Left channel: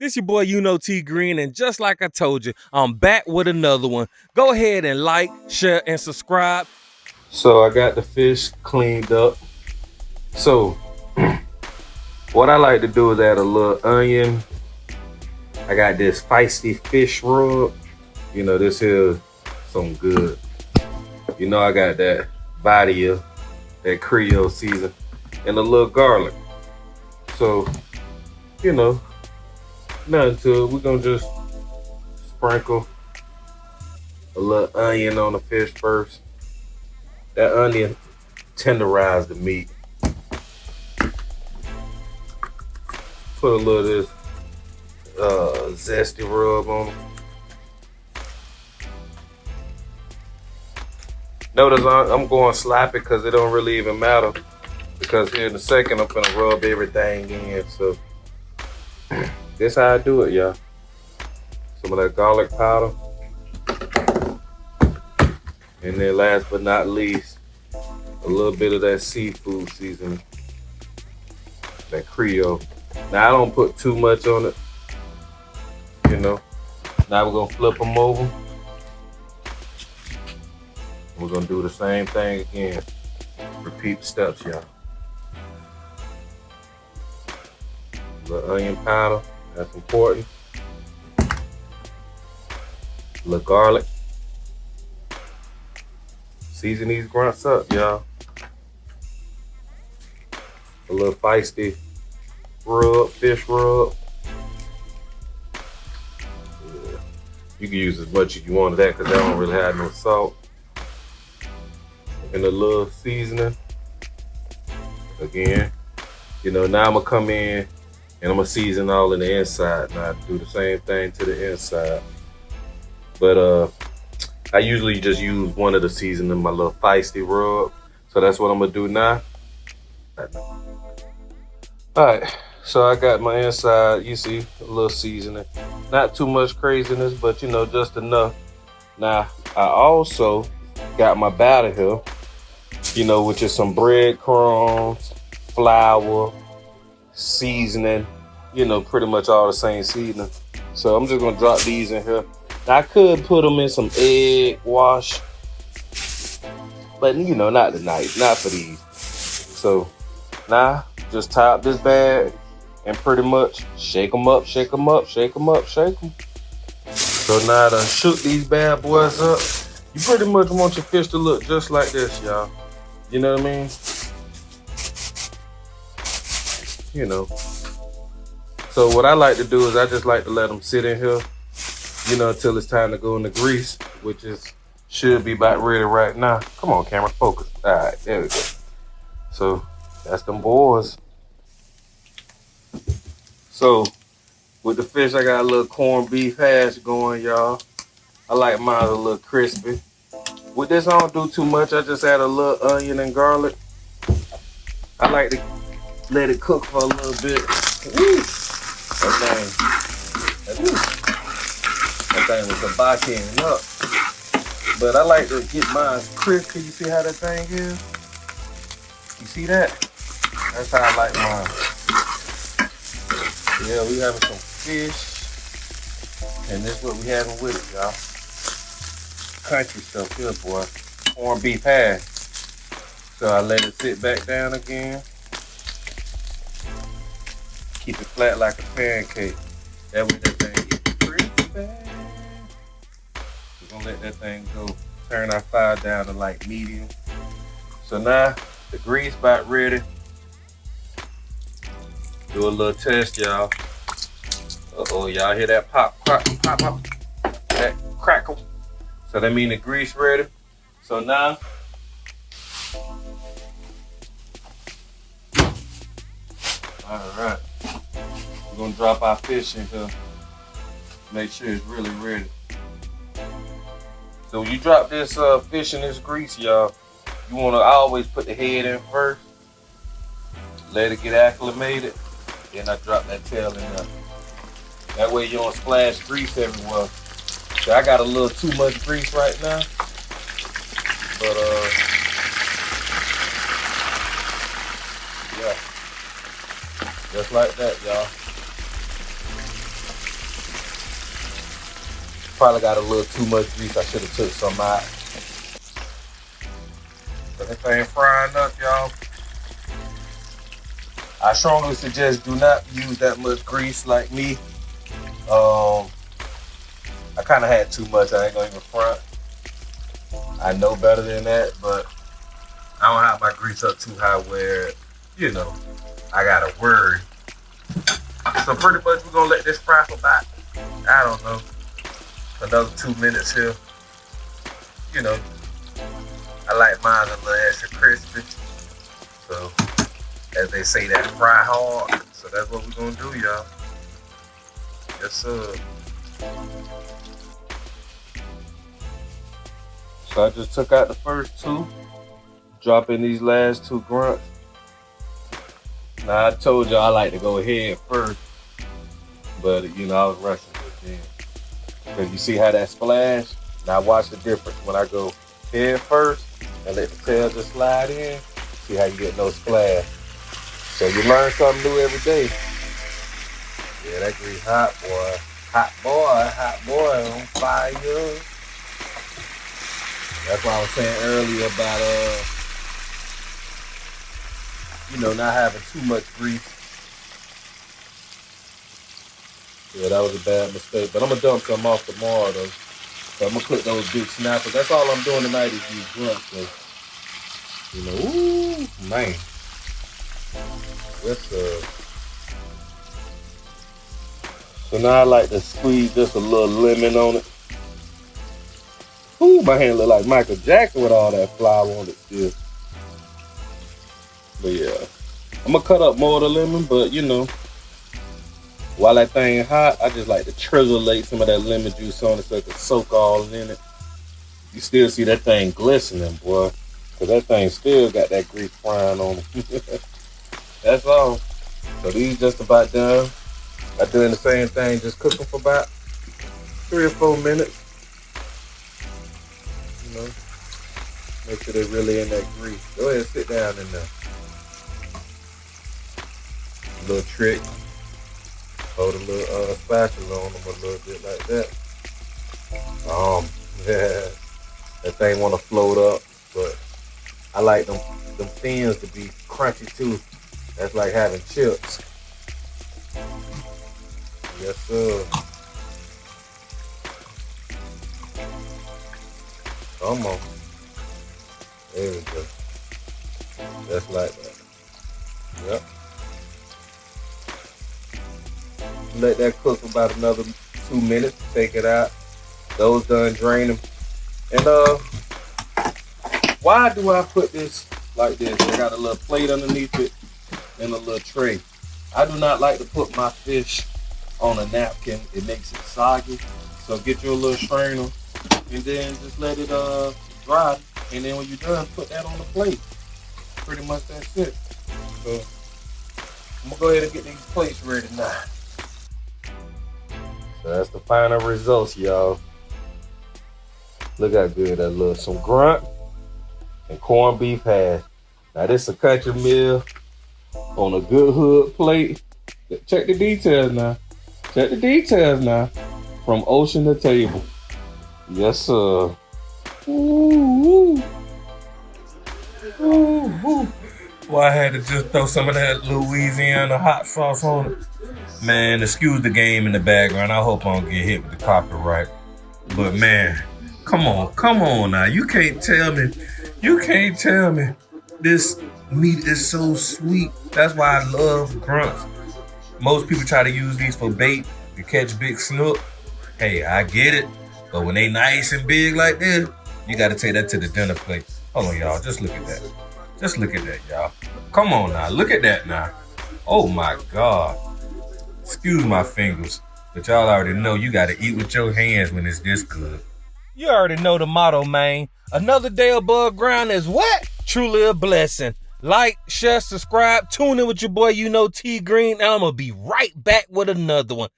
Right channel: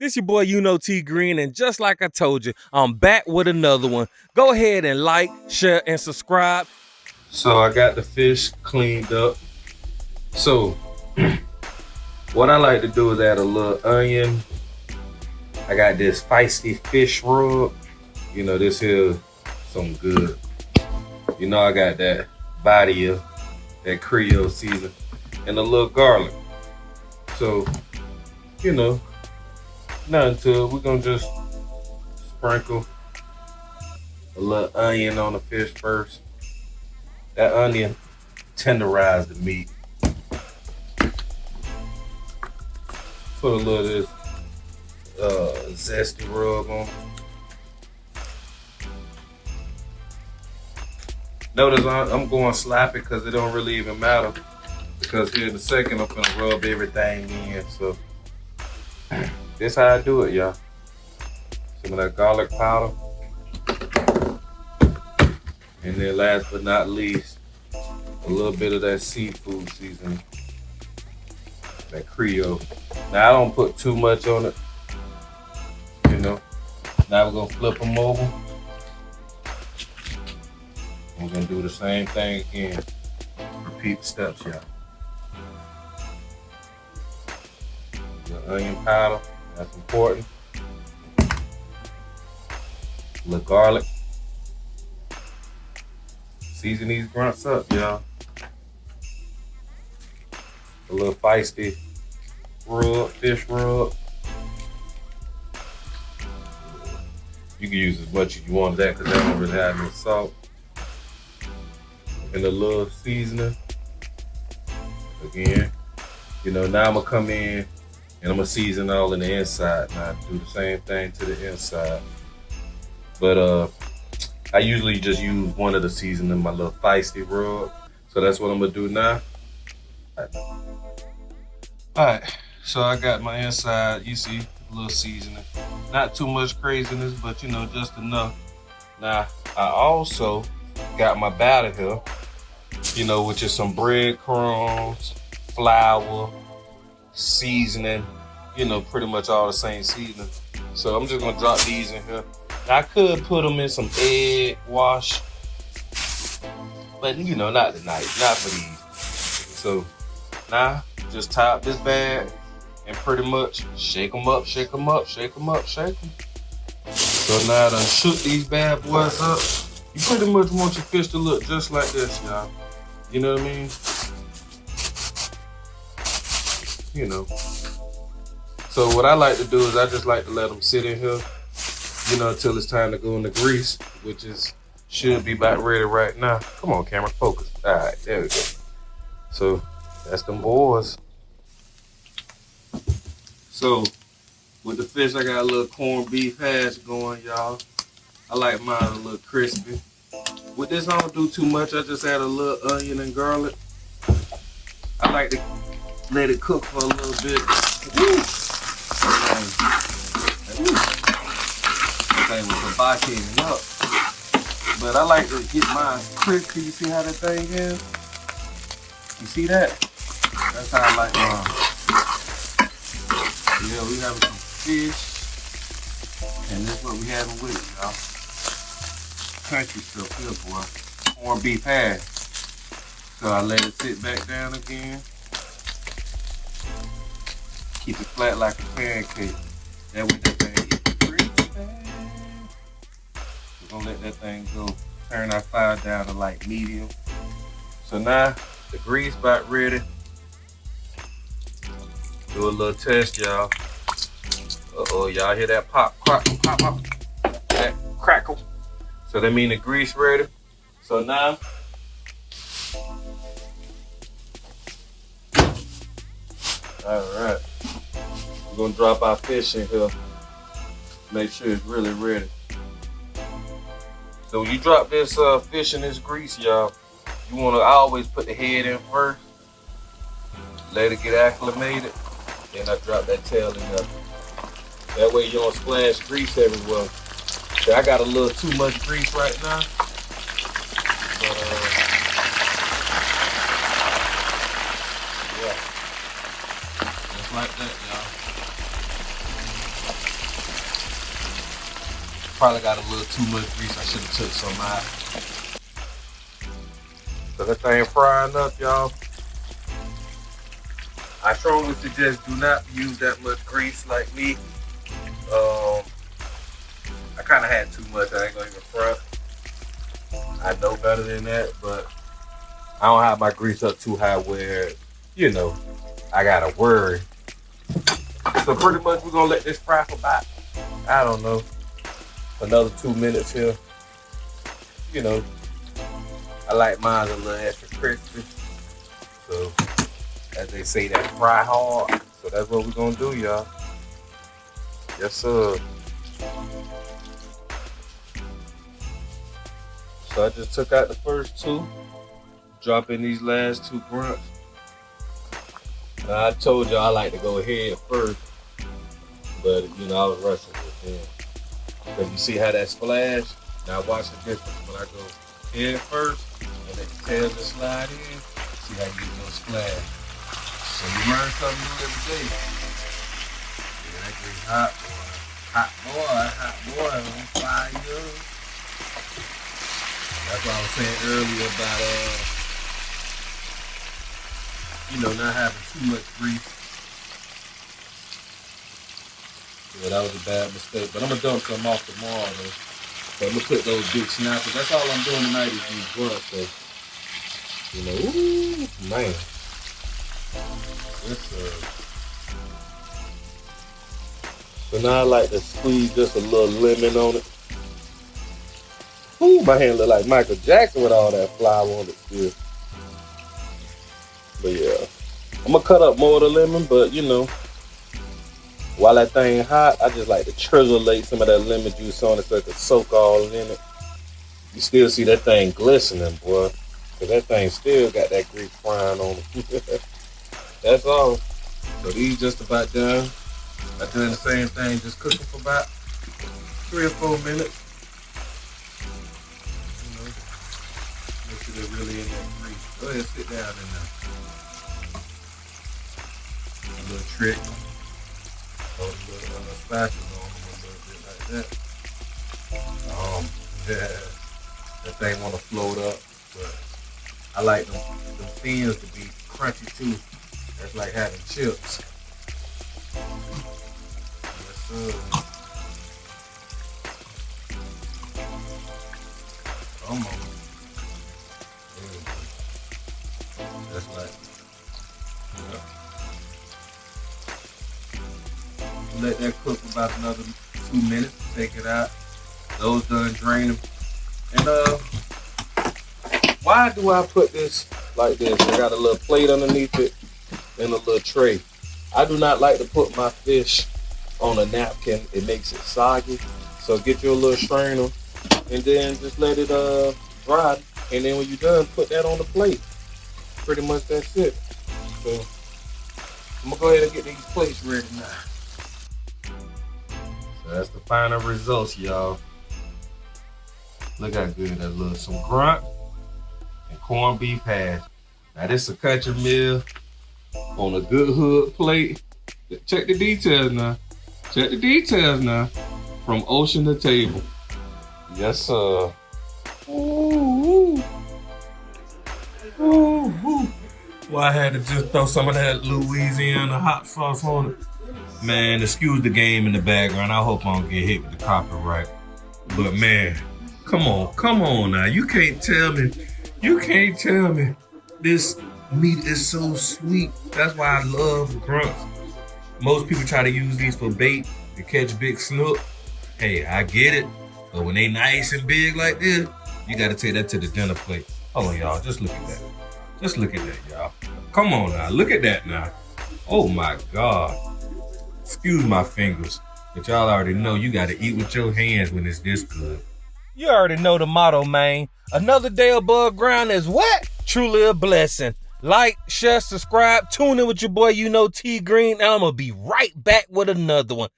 This your boy YouKnowTGreen, and just like I told you, I'm back with another one. Go ahead and like, share, and subscribe. So I got the fish cleaned up. So what I like to do is add a little onion. I got this feisty fish rub. You know, this here is some good. You know, I got that body of that Creole season and a little garlic. So, you know, nothing to it. We're gonna just sprinkle a little onion on the fish first. That onion tenderized the meat. Put a little of this zesty rub on it. Notice I'm going sloppy because it don't really even matter, because here in a second I'm gonna rub everything in. So this how I do it, y'all. Some of that garlic powder. And then last but not least, a little bit of that seafood seasoning, that Creole. Now I don't put too much on it, you know. Now we're gonna flip them over. We're gonna do the same thing again. Repeat the steps, y'all. The onion powder, that's important. A little garlic. Season these grunts up, y'all. A little feisty rub, fish rub. Yeah. You can use as much as you want of that because that don't really have no salt. And a little seasoning. Again, you know, now I'm gonna come in and I'm gonna season all in the inside. Now I do the same thing to the inside. But I usually just use one of the seasoning, my little feisty rub. So that's what I'm gonna do now. Alright, so I got my inside, you see, a little seasoning. Not too much craziness, but you know, just enough. Now, I also got my batter here, you know, which is some breadcrumbs, flour, seasoning, you know, pretty much all the same seasoning. So I'm just gonna drop these in here. I could put them in some egg wash, but you know, not tonight, not for these. So now, just top this bag and pretty much shake them up, shake them up, shake them up, shake them. So now I done shook these bad boys up. You pretty much want your fish to look just like this, y'all. You know what I mean? You know. So what I like to do is I just like to let them sit in here, you know, until it's time to go in the grease, which should be about ready right now. Come on, camera, focus. All right, there we go. So that's them boys. So with the fish, I got a little corned beef hash going, y'all. I like mine a little crispy. With this, I don't do too much. I just add a little onion and garlic. I like to let it cook for a little bit. Woo! That thing was kabakaing up. But I like to get mine crispy. You see how that thing is? You see that? That's how I like mine. Yeah, we having some fish. And this is what we having with it, y'all. Country stuff here, boy. Corned beef hash. So I let it sit back down again. Keep it flat like a pancake. That way that thing gets crispy. We're gonna let that thing go. Turn our fire down to like medium. So now the grease about ready. Do a little test, y'all. Uh-oh, y'all hear that pop, pop, pop, pop. That crackle. So that means the grease ready. So now, all right, we're gonna drop our fish in here. Make sure it's really ready. So when you drop this fish in this grease, y'all, you wanna always put the head in first. Let it get acclimated. Then I drop that tail in there. That way you don't splash grease everywhere. So I got a little too much grease right now. But yeah. Just like that, y'all. Probably got a little too much grease. I should have took some out. So that thing frying up, y'all. I strongly suggest do not use that much grease like me. I kind of had too much. I ain't gonna even front. I know better than that, but I don't have my grease up too high where, you know, I gotta worry. So pretty much we're gonna let this fry for about, I don't know, another 2 minutes here. You know, I like mine a little extra crispy. So, as they say, that fry hard. So that's what we're gonna do, y'all. Yes, sir. So I just took out the first two, dropping these last two grunts. Now I told y'all I like to go head first, but you know, I was rushing with it. Because you see how that splash? Now watch the difference when I go head first and let the tail just slide in. See how you get no splash. So you learn something new every day. Yeah, that grease hot, boy. Hot boy on fire. That's what I was saying earlier about, you know, not having too much grease. Yeah, that was a bad mistake. But I'm going to dump some off tomorrow, though. So I'm going to put those big snappers. That's all I'm doing tonight is use grunts, though. You know, ooh, man. Yes, sir. So now I like to squeeze just a little lemon on it. Ooh, my hand look like Michael Jackson with all that flour on it still. But yeah, I'm gonna cut up more of the lemon, but you know, while that thing hot, I just like to trizzleate some of that lemon juice on it so it can soak all in it. You still see that thing glistening, boy. Cause that thing still got that grease frying on it. That's all. So these just about done. I'm doing the same thing, just cook them for about 3 or 4 minutes. You know, make sure they're really in that grease. Go ahead and sit down in there. A little trick. Hold a little spatula on them a little bit like that. Yeah, that thing want to float up, but I like them fins to be crunchy too. That's like having chips. Yes, sir. Come on. There we go. Just like that. Yep. Let that cook for about another 2 minutes. Take it out. Those done, drain them. And why do I put this like this? I got a little plate underneath it and a little tray. I do not like to put my fish on a napkin. It makes it soggy. So get your little strainer and then just let it dry. And then when you're done, put that on the plate. Pretty much that's it. So I'm gonna go ahead and get these plates ready now. So that's the final results, y'all. Look how good that looks. Some grunt and corned beef hash. Now this is a country meal on a good hood plate. Check the details now. Check the details now. From ocean to table. Yes, sir. Ooh, ooh. Well, I had to just throw some of that Louisiana hot sauce on it. Man, excuse the game in the background. I hope I don't get hit with the copyright. But man, come on now. You can't tell me this meat is so sweet. That's why I love grunts. Most people try to use these for bait to catch big snook. Hey, I get it. But when they nice and big like this, you got to take that to the dinner plate. Hold on, y'all. Just look at that. Just look at that, y'all. Come on now. Look at that now. Oh, my God. Excuse my fingers. But y'all already know you got to eat with your hands when it's this good. You already know the motto, man. Another day above ground is what? Truly a blessing. Like, share, subscribe, tune in with your boy, YouKnowTGreen, and I'm going to be right back with another one.